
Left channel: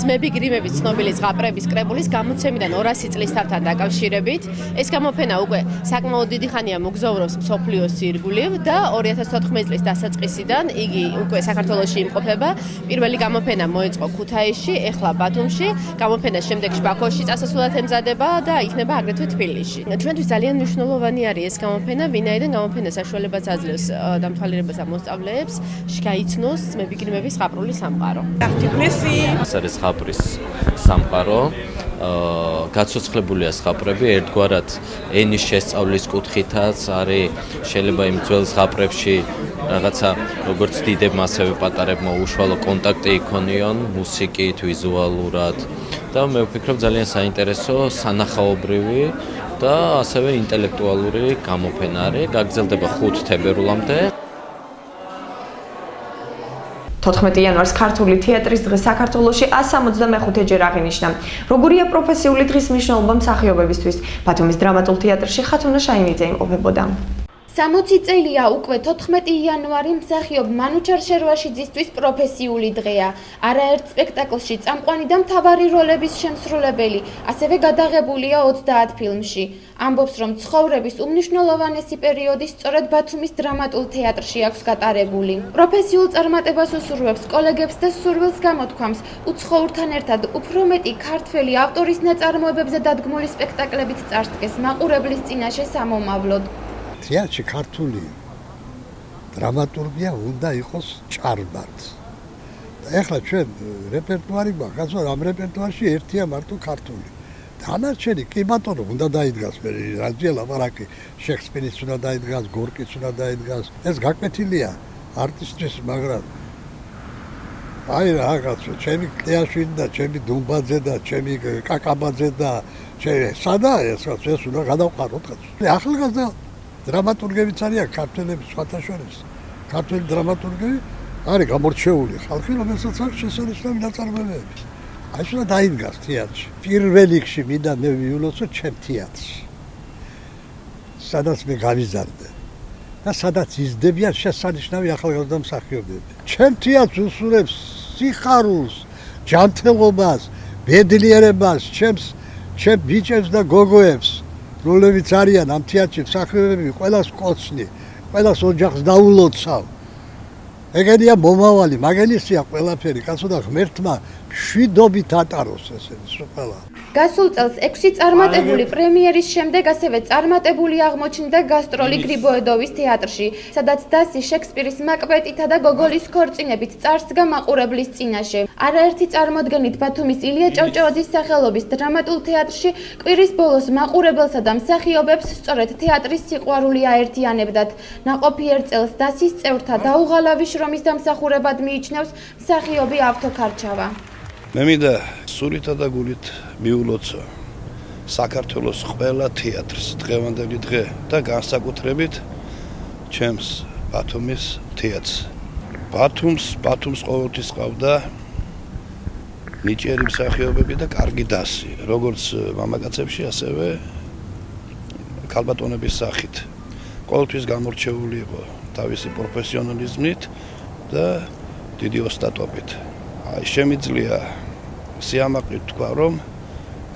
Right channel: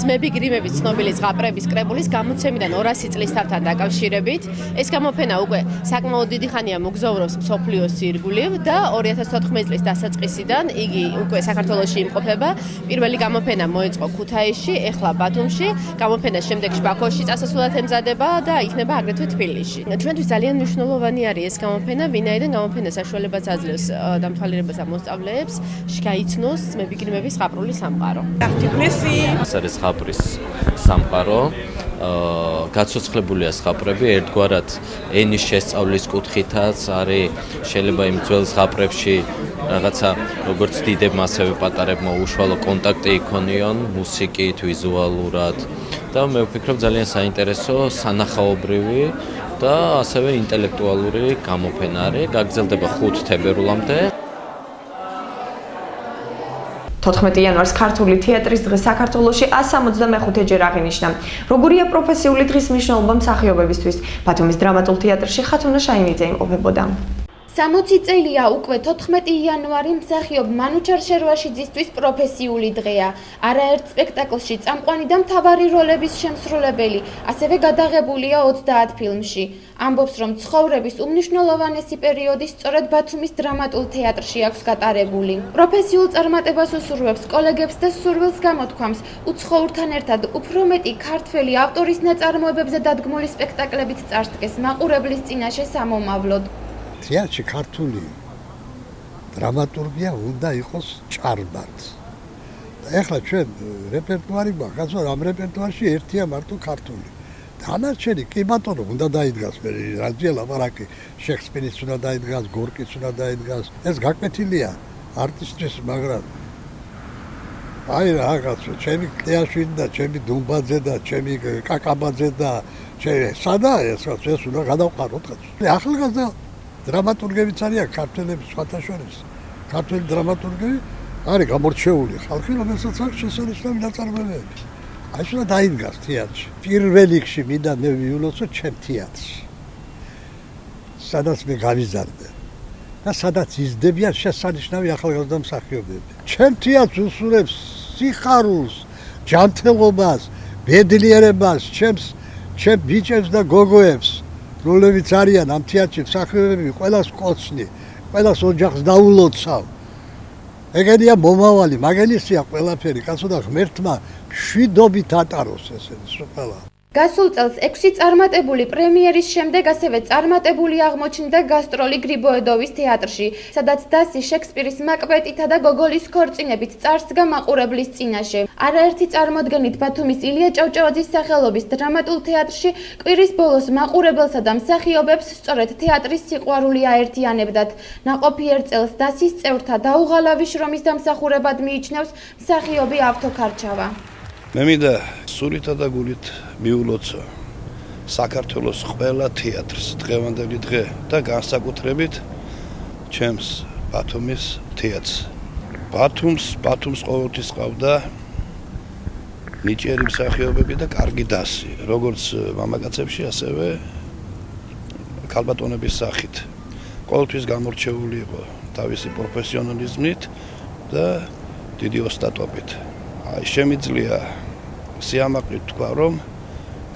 ძმები გრიმების ცნობილი ზღაპრების კრებულის გამოცემიდან 200 წლის თავთან დაკავშირებით. ეს გამოფენა უკვე საკმაოდ დიდი ხანია მოგზაურობს მსოფლიოს ირგვლივ და 2014 წლის დასაწყისიდან იგი უკვე საქართველოში იმყოფება. პირველი გამოფენა მოეწყო ქუთაისში, ეხლა ბათუმში. გამოფენას შემდეგ ბაქოში წასასვლელად ემზადება და იქნება აგრეთვე თბილისში. ჩვენთვის ძალიან მნიშვნელოვანი არის ეს გამოფენა, ვინაიდან გამოფენა საშუალებას აძლევს დამთვალიერებას მოსწავლეებს გაიცნოს ძმები გრიმების ზღაპრული სამყარო. ეს არის ზღაპრის სამყარო. გაცოცხლებულია ზღაპრები ერთგვარად ენის შესწავლის კუთხითაც არის შეიძლება იმ ძველ ზღაპრებში რაღაცა როგორც დიდებმა ასევე პატარებმა უშუალო კონტაქტი იქონიონ მუსიკით, ვიზუალურად და მე ვფიქრობ ძალიან საინტერესო სანახაობრივი და ასევე ინტელექტუალური გამოფენა არის. გაგრძელდება 5 თებერვლამდე. 14 იანვარს ქართული თეატრის დღე საქართველოში 165 ჯერ აღინიშნა. როგორია პროფესიული დღის მნიშვნელობა მსახიობებისთვის? ბათუმის დრამატულ თეატრში ხათუნა შაინიძე იმყოფებოდა. 60 წელია უკვე 14 იანვარი მსახიობ მანუჩარ შერვაშიძისთვის პროფესიული დღეა. არაერთ სპექტაკლში წამყვანი და მთავარი როლების შემსრულებელი, ასევე გადაღებულია 30 ფილმში. ამბობს, რომ ცხოვრების უმნიშვნელოვანესი პერიოდი სწორედ ბათუმის დრამატულ თეატრში აქვს გატარებული. პროფესიულ წარმატებას უსურვებს კოლეგებს და სურვილს გამოთქვამს უცხოურთან ერთად უფრო მეტი ქართველი ავტორის ნაწარმოებებზე დადგმული სპექტაკლებით წარსდგეს მაყურებლის წინაშე სამომავლოდ. თეატრში ქართული დრამატურგია უნდა იყოს ჭარბად. და ეხლა ჩვენ რეპერტუარი გვაქვს, ამ რეპერტუარში ერთია მარტო ქართული. დანარჩენი კი ბატონო უნდა დაიდგას მე რაზია ლაპარაკი, შექსპირის უნდა დაიდგას, გორკის უნდა დაიდგას. ეს გაკვეთილია არტისტის, მაგრამ აი რაღაცა, ჩემი კლეაშვილი და ჩემი დუმბაძე და ჩემი კაკაბაძე და სადა ეს უნდა გადავყაროთ. ახალგაზრდა დრამატურგებიც არიან ქართველების სხვათა შორის. ქართველი დრამატურგები არის გამორჩეული ხალხი, რომელსაც აქვს შესანიშნავი ნაწარმოებები. აი შეიძლება დაიდგას თეატრში. პირველ რიგში მინდა მე ვიულოცო ჩემ თეატრში. სადაც მე გამიზარდე და სადაც იზრდებიან შესანიშნავი ახალგაზრდა მსახიობები. ჩემ თეატრს უსურვებს სიხარულს, ჯანმრთელობას, ბედნიერებას, ჩემ ბიჭებს და გოგოებს. როლებიც არიან ამ თეატრში მსახიობები, ყველას კოცნი, ყველას ოჯახს დაულოცავ. ეგენია მომავალი, მაგენისია ყველაფერი, კაცო და ღმერთმა შვიდობით ატაროს ესეც ყველა. გასულ წელს 6 წარმატებული პრემიერის შემდეგ ასევე წარმატებული აღმოჩნდა გასტროლი გრიბოედოვის თეატრში, სადაც დასი შექსპირის მაკბეტითა და გოგოლის ქორწინებით წარსდგა მაყურებლის წინაშე. არაერთი წარმოდგენით ბათუმის ილია ჭავჭავაძის სახელობის დრამატულ თეატრში კვირის ბოლოს მაყურებელსა და მსახიობებს სწორედ თეატრის სიყვარული აერთიანებდათ. ნაყოფიერ წელს დასის წევრთა დაუღალავი შრომის დამსახურებად მიიჩნევს მსახიობი ავთოქარჩავა. მე მინდა სულითა და გულით მიულოცო საქართველოს ყველა თეატრს დღევანდელი დღე და განსაკუთრებით ჩემს ბათუმის თეატრს. ბათუმს ყოველთვის ყავდა ნიჭიერი მსახიობები და კარგი დასი, როგორც მამაკაცებში, ასევე ქალბატონების სახით. ყოველთვის გამორჩეული იყო თავისი პროფესიონალიზმით და დიდი ოსტატობით. შემიძლია სიამაყით თქვა, რომ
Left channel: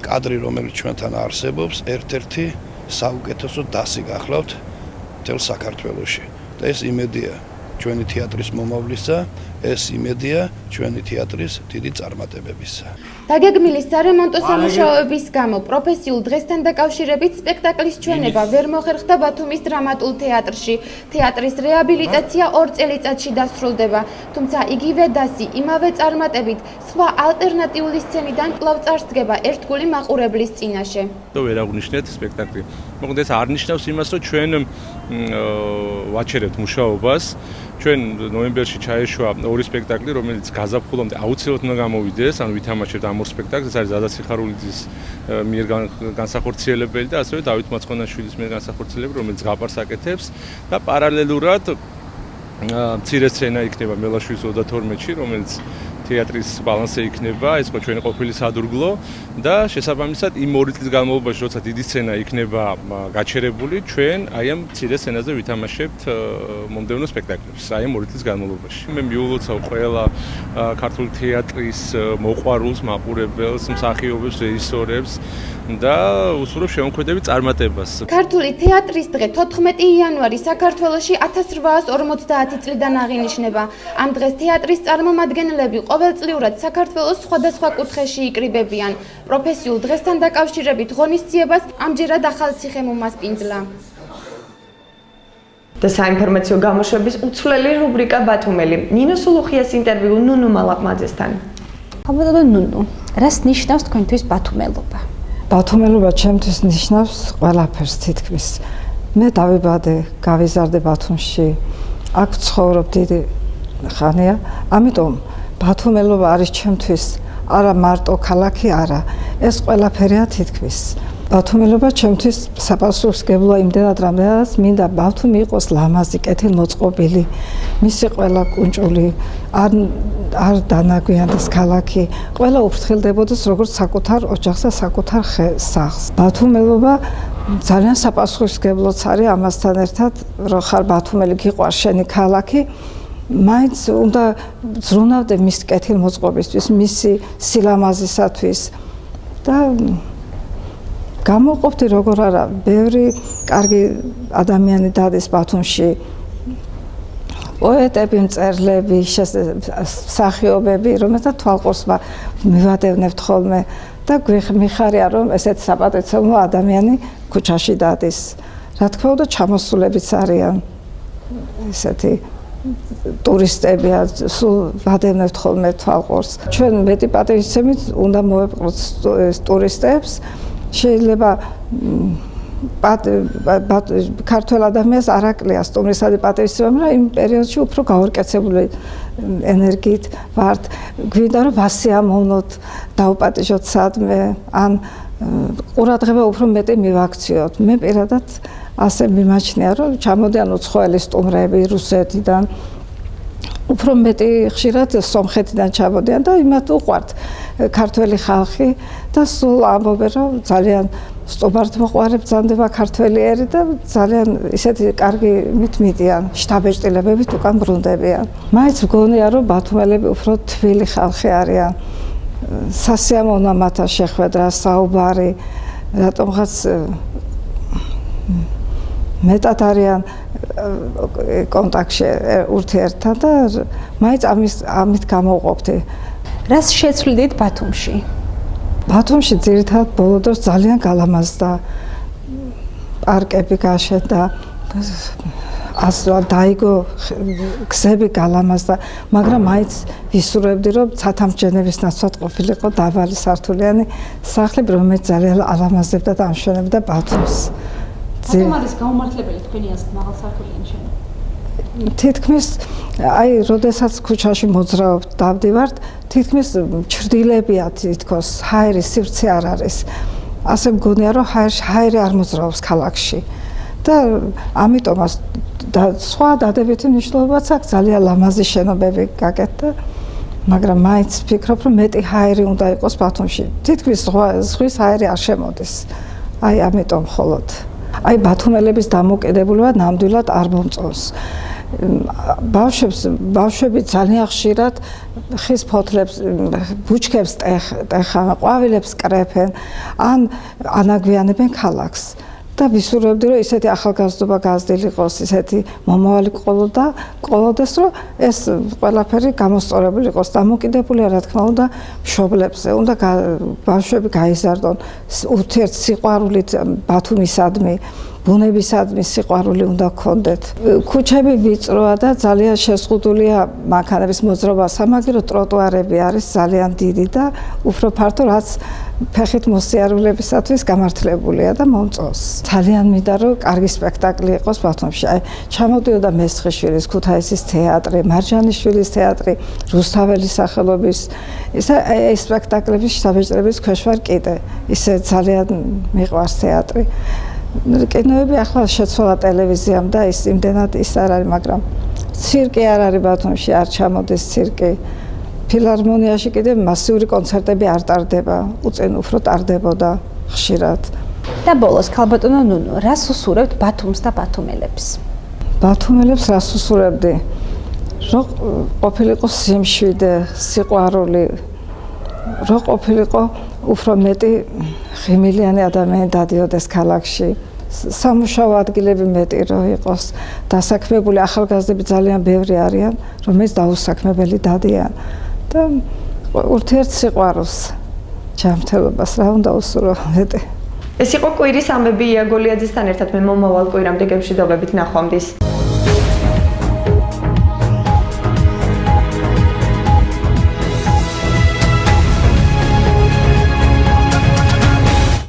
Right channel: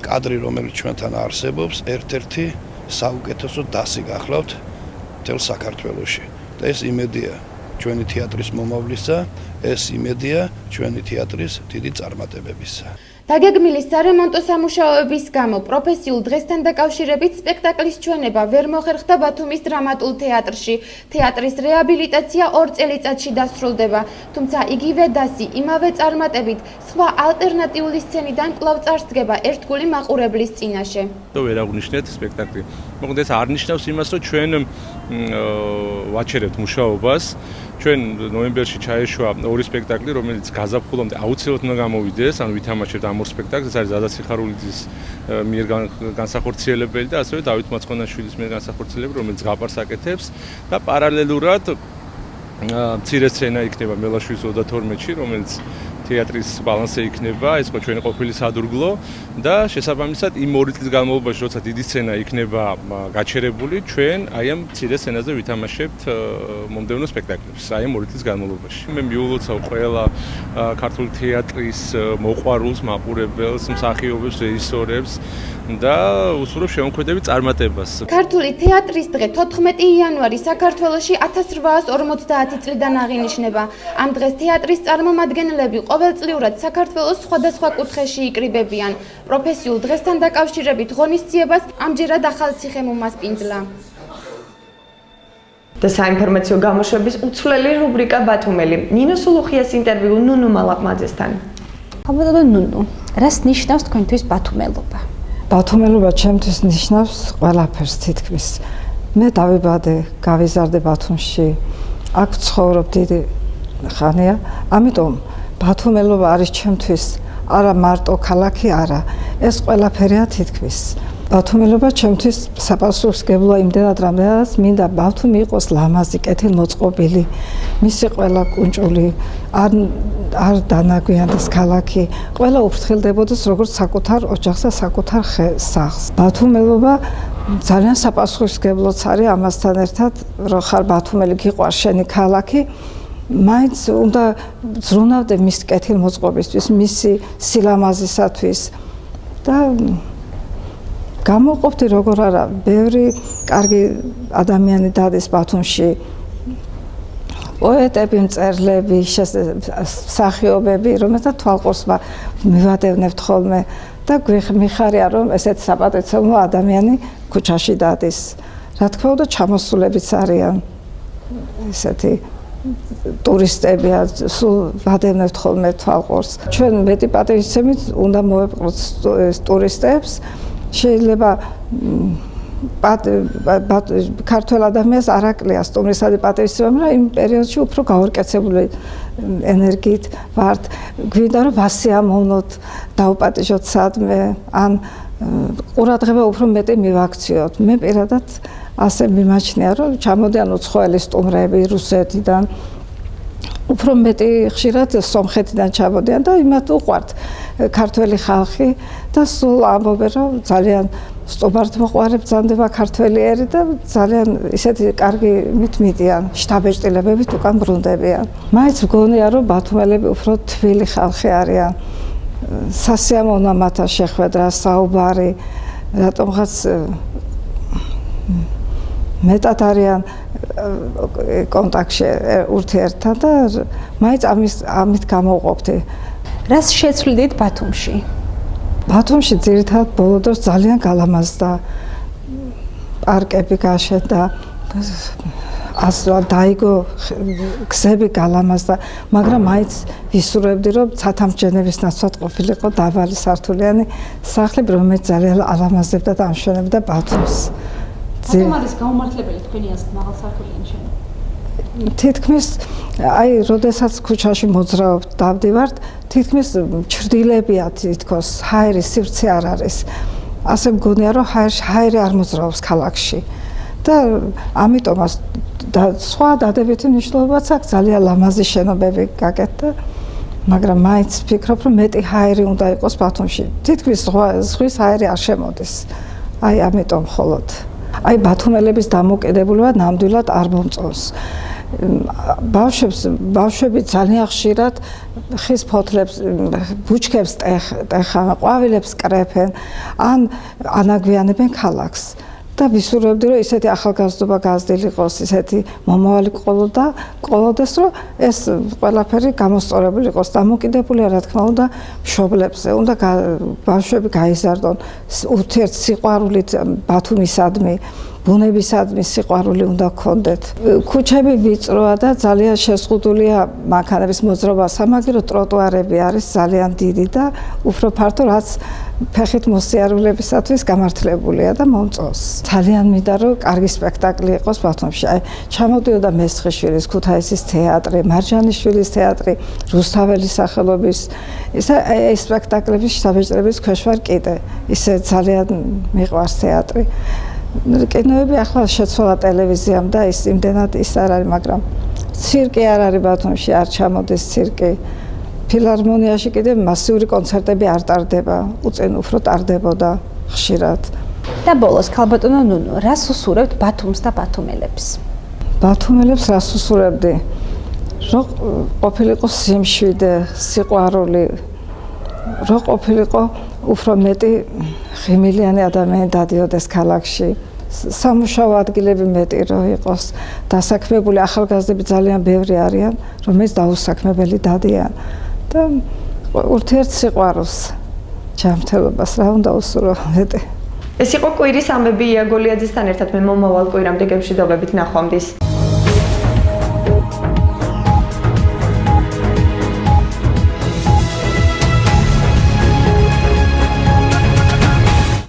კადრი, რომელიც ჩვენთან არსებობს, ერთ-ერთი საუკეთესო დასი გახლავთ მთელ საქართველოში. და ეს იმედია ჩვენი თეატრის მომავლისა, ეს იმედია ჩვენი თეატრის დიდი წარმატებებისა. დაგეგმილი სარემონტო სამუშაოების გამო პროფესიულ დღესთან დაკავშირებით სპექტაკლის ჩვენება ვერ მოხერხდა ბათუმის დრამატულ თეატრში. თეატრის რეაბილიტაცია 2 წელიწადში დასრულდება, თუმცა იგივე დასი, იმავე წარმატებით, სხვა ალტერნატიული სცენიდან კვლავ წარსდგება ერთგული მაყურებლის წინაშე. ვერ აღნიშნეთ სპექტაკლი. მოკლედ ეს არ ნიშნავს იმას, რომ ჩვენ ვაჩერებთ მუშაობას. ჩვენ ნოემბერში ჩაეშვა 2 სპექტაკლი, რომელიც გაზაფხულამდე აუცილებლად უნდა გამოვიდეს, ანუ ვითამაშებთ ამ 2 სპექტაკლს, ეს არის ზადა სიხარულიძის მიერ განსახორციელებელი და ასევე დავით მაცხონაშვილის მიერ განსახორციელებელი, რომელიც გაპარს აკეთებს და პარალელურად მცირე სცენა იქნება მელაშვილის 32-ში, რომელიც თეატრის ბალანსზე იქნება, ეს ხო ჩვენი ყოფილი სადურგლო და შესაბამისად იმ 2 წლის განმავლობაში, როცა დიდი სცენა იქნება გაჩერებული, ჩვენ აი ამ მცირე სცენაზე ვითამაშებთ მომდევნო სპექტაკლებს, აი ამ 2 წლის განმავლობაში. მე მიულოცავ ყველა ქართული თეატრის მოყვარულს, მაყურებელს, მსახიობებს, რეჟისორებს და უსურვებ შემოქმედებით წარმატებას. ქართული თეატრის დღე 14 იანვარი საქართველოში 1850 წლიდან აღინიშნება. ამ დღეს თეატრის წარმომადგენლები ყოველწლიურად საქართველოს სხვადასხვა კუთხეში იკრიბებიან. პროფესიულ დღესთან დაკავშირებით ღონისძიებას ამჯერად ახალციხე მომასპინძლა. და საინფორმაციო გამოშვების უცვლელი რუბრიკა ბათუმელი. ნინო სულუხიას ინტერვიუ ნუნუ მალაპმაძესთან. ხაბადო ნუნუ, რას ნიშნავს თქვენთვის ბათუმელობა? ბათუმელობა ჩემთვის ნიშნავს ყველაფერს თითქმის. მე დავიბადე, გავიზარდე ბათუმში. აქ ცხოვრობ დიდი ხანია, ამიტომ ბათუმელობა არის ჩემთვის არა მარტო ქალაქი, არა, ეს ყველაფერია თითქმის. ბათუმელობა ჩემთვის საპასუხისმგებლოა იმდენად, რამდენადაც მინდა ბათუმი იყოს ლამაზი, კეთილმოწყობილი, მისი ყველა კუნჭული არ დანაგვიანდეს ქალაქი, ყველა უფრთხილდებოდეს როგორც საკუთარ ოჯახსა, საკუთარ სახლს. ბათუმელობა ძალიან საპასუხისმგებლოც არის ამასთან ერთად, რომ ხარ ბათუმელი, გიყვარს შენი ქალაქი. მაინც უნდა ზრუნავდე მის კეთილმოწყობისთვის, მისი სილამაზისათვის და გამოყოფდი როგორ არა, ბევრი კარგი ადამიანი დადის ბათუმში. პოეტები, მწერლები, მსახიობები, რომელთა თვალყურს მივადევნებთ ხოლმე და მიხარია, რომ ესეთი საპატივცემლო ადამიანი ქუჩაში დადის. რა თქმა უნდა, ჩამოსულებიც არიან ესეთი ტურისტებია, სულ ვადევნებთ ხოლმე თვალყურს. ჩვენ მეტი პატივისცემით უნდა მოვეპყროთ ტურისტებს. შეიძლება ქართველ ადამიანს არ აკლია სტუმრისადმი პატივისცემა, მაგრამ იმ პერიოდში უფრო გაორკეცებული ენერგიით ვართ. გვინდა რომ ვასიამოვნოთ, დავუპატიჟოთ სადმე, ან ყურადღება უფრო მეტი მივაქციოთ. მე პირადად ასე მიმაჩნია, რომ ჩამოდიან უცხოელი სტუმრები რუსეთიდან, უფრო მეტი ხშირად სომხეთიდან ჩამოდიან და იმათ უყვართ ქართველი ხალხი და სულ ამბობენ, რომ ძალიან სტუმართმოყვარე ბრძანდება ქართველი ერი და ძალიან ისეთი კარგი მიტმიდიან, შთაბეჭდილებებით უკან ბრუნდებიან. მაინც მგონია, რომ ბათუმელები უფრო თბილი ხალხი არიან. სასიამოვნოა მათთან შეხვედრა, საუბარი, რატომღაც მეტად არიან კონტაქტში ურთიერთთან და მაინც ამით გამოვყოფდი. რას შეცვლიდით ბათუმში? ბათუმში ძირითადად ბოლო დროს ძალიან გალამაზდა, პარკები გაშენდა, დაიგო გზები გალამაზდა, მაგრამ მაინც ვისურვებდი, რომ ცათამბჯენების ნაცვლად ყოფილიყო დაბალი სართულიანი სახლები, რომელიც ძალიან ალამაზებდა და ამშვენებდა ბათუმს. რატომ არის გაუმართლებელი თქვენი აზრით მაღალსართულიანი შენობა? თითქმის აი, როდესაც ქუჩაში მოძრაობთ, დავდივართ, თითქმის ჩრდილებია თითქოს, ჰაერი სივრცე არ არის. ასე მგონია, რომ ჰაერი არ მოძრაობს ქალაქში. და ამიტომაც სხვა დადებითი მნიშვნელობაც აქვს, ძალიან ლამაზი შენობები გაკეთდა, მაგრამ მაინც ვფიქრობ, რომ მეტი ჰაერი უნდა იყოს ბათუმში. თითქმის ზღვის ჰაერი არ შემოდის. აი, ამიტომ მხოლოდ აი ბათუმელების დამოკიდებულება ნამდვილად არ მომწონს. ბავშვები ძალიან ხშირად ხის ფოთლებს, ბუჩქებს ტეხან, ყვავილებს კრეფენ, ან ანაგვიანებენ ქალაქს. და ვისურვებდი რომ ისეთი ახალგაზრდობა გაზრდილიყოს, ისეთი მომავალი ყოლოდეს, რომ ეს ყველაფერი გამოსწორებული იყოს, დამოკიდებულია რა თქმა უნდა მშობლებზე, უნდა ბავშვები გაიზარდონ ურთიერთსიყვარულით ბათუმისადმი, ბუნებისადმი სიყვარული უნდა გქონდეთ. ქუჩები ვიწროა და ძალიან შეზღუდულია მანქანების მოძრაობა, სამაგერო ტროტუარები არის ძალიან დიდი და უფრო ფართო, რაც ფეხით მოსიარულეებისათვის გამართლებულია და მომწონს. ძალიან მინდა რომ კარგი სპექტაკლი იყოს ბათუმში. აი, ჩამოდიოდა მესხიშვილის, ქუთაისის თეატრი, მარჯანიშვილის თეატრი, რუსთაველის სახელობის. ეს სპექტაკლების საბეჭდების ქვეშ ვარ კიდე. ისე ძალიან მიყვარს თეატრი. კინოები ახლა შეცვალა ტელევიზიამ და ის იმდენად ის არ არის, მაგრამ ცირკი არ არის ბათუმში, არ ჩამოდის ცირკი. ფილარმონიაში კიდე მასიური კონცერტები არ ტარდება, უწინ უფრო ტარდებოდა ხშირად. და ბოლოს ქალბატონო ნუნუ, რას უსურებთ ბათუმს და ბათუმელებს? ბათუმელებს რას უსურებდი? რომ ყოფილიყო სიმშვიდე, სიყვარული, რომ ყოფილიყო უფრო მეტი ღიმილიანი ადამიანი დადიოდეს ქალაქში. სამუშაო ადგილები მეტი რომ იყოს დასაქმებული, ახალგაზრდები ძალიან ბევრი არიან, რომელიც დაუსაქმებელი დადიან. და ურთიერთსიყვარულს, ჯანმრთელობას რა უნდა უსურო მეტი. ეს იყო კვირის ამბები ია გოლიაძესთან ერთად მე მომავალ კვირამდე გემშვიდობებით ნახვამდის.